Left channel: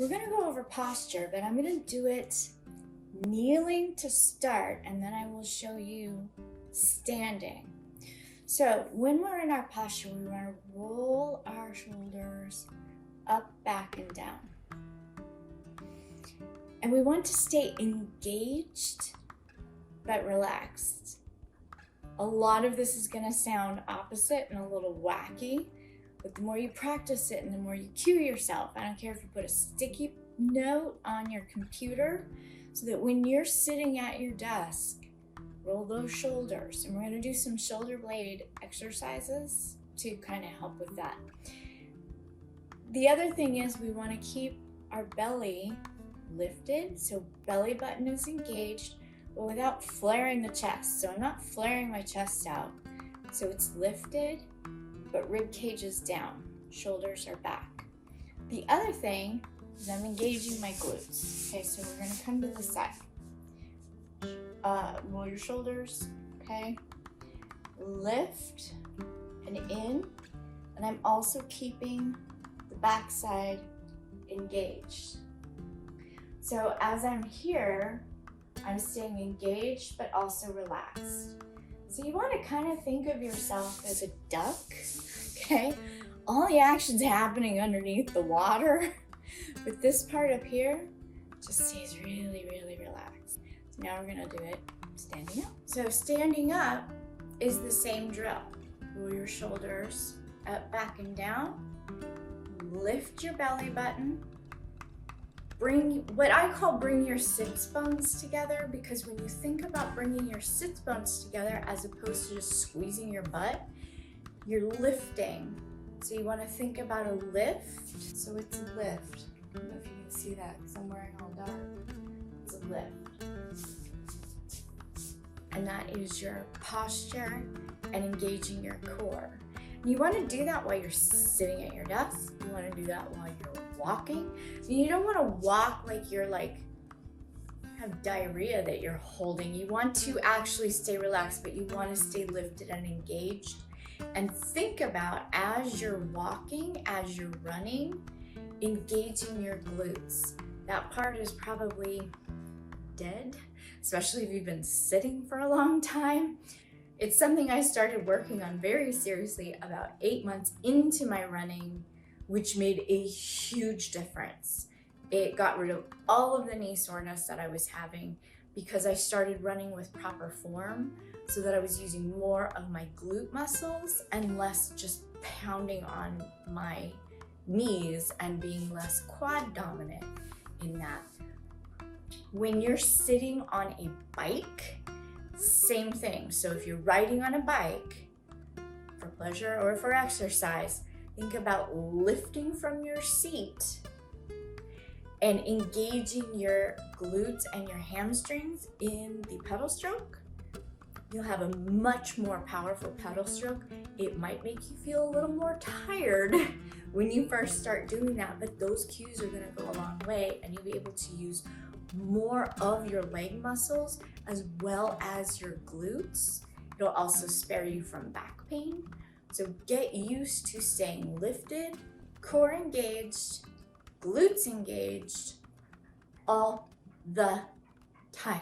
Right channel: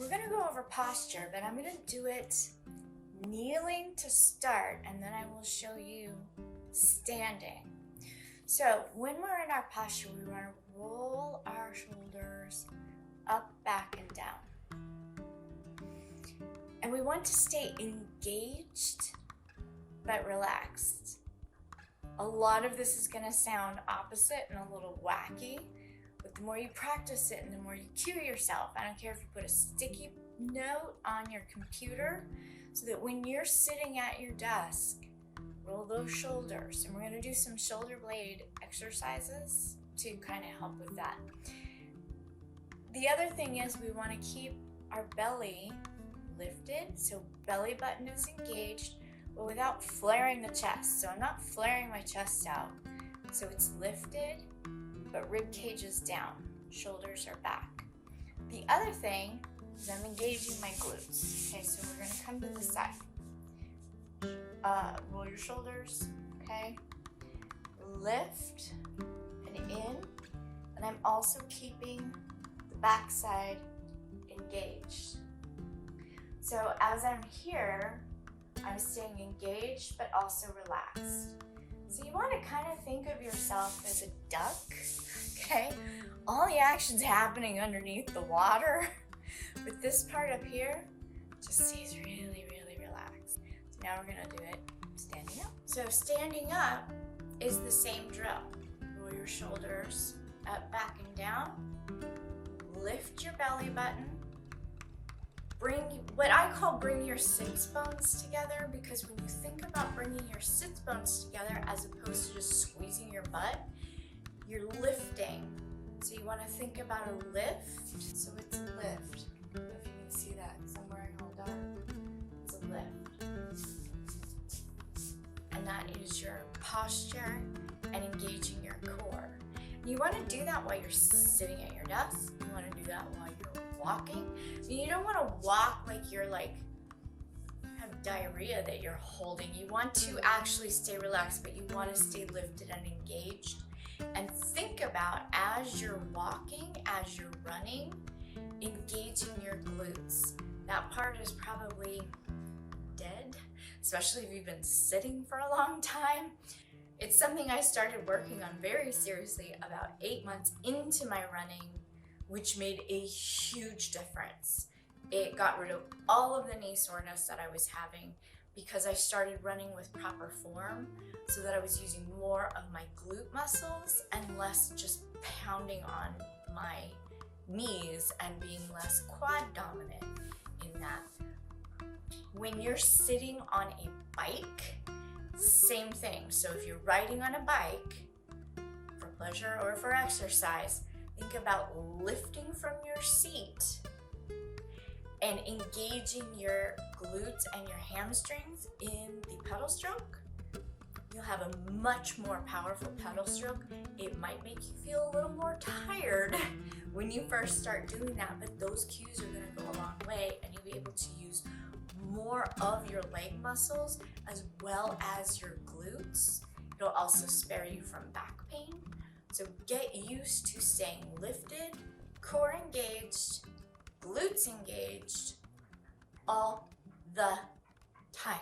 We're gonna go over posture, but I'm gonna do it kneeling to start, and then I will show you standing. So when we're in our posture, we want to roll our shoulders up, back, and down. And we want to stay engaged, but relaxed. A lot of this is gonna sound opposite and a little wacky, but the more you practice it and the more you cue yourself, I don't care if you put a sticky note on your computer so that when you're sitting at your desk, roll those shoulders. And we're gonna do some shoulder blade exercises to kind of help with that. The other thing is we wanna keep our belly lifted, so belly button is engaged, but without flaring the chest. So I'm not flaring my chest out. So it's lifted, but rib cage is down, shoulders are back. The other thing is I'm engaging my glutes. Okay, so we're gonna come to the side. Roll your shoulders, okay? Lift and in, and I'm also keeping the backside engaged. So as I'm here, I'm staying engaged, but also relaxed. So you want to kind of think of yourself as a duck, okay? All the action's happening underneath the water, but this part up here just stays really, really relaxed. So now we're gonna do it standing up. So standing up is the same drill. Roll your shoulders up, back, and down. Lift your belly button. Bring what I call bring your sits bones together, because when you think about bringing your sits bones together as opposed to just squeezing your butt, you're lifting. So you want to think about a lift. So it's a lift. I don't know if you can see that because I'm wearing all dark. It's a lift. And that is your posture and engaging your core. And you want to do that while you're sitting at your desk. You want to do that while you're walking. You don't want to walk like you're have diarrhea that you're holding. You want to actually stay relaxed, but you want to stay lifted and engaged. And think about, as you're walking, as you're running, engaging your glutes. That part is probably dead, especially if you've been sitting for a long time. It's something I started working on very seriously about 8 months into my running, which made a huge difference. It got rid of all of the knee soreness that I was having because I started running with proper form, so that I was using more of my glute muscles and less just pounding on my knees and being less quad dominant in that. When you're sitting on a bike, same thing. So if you're riding on a bike for pleasure or for exercise, think about lifting from your seat and engaging your glutes and your hamstrings in the pedal stroke. You'll have a much more powerful pedal stroke. It might make you feel a little more tired when you first start doing that, but those cues are gonna go a long way, and you'll be able to use more of your leg muscles as well as your glutes. It'll also spare you from back pain. So get used to staying lifted, core engaged, glutes engaged all the time.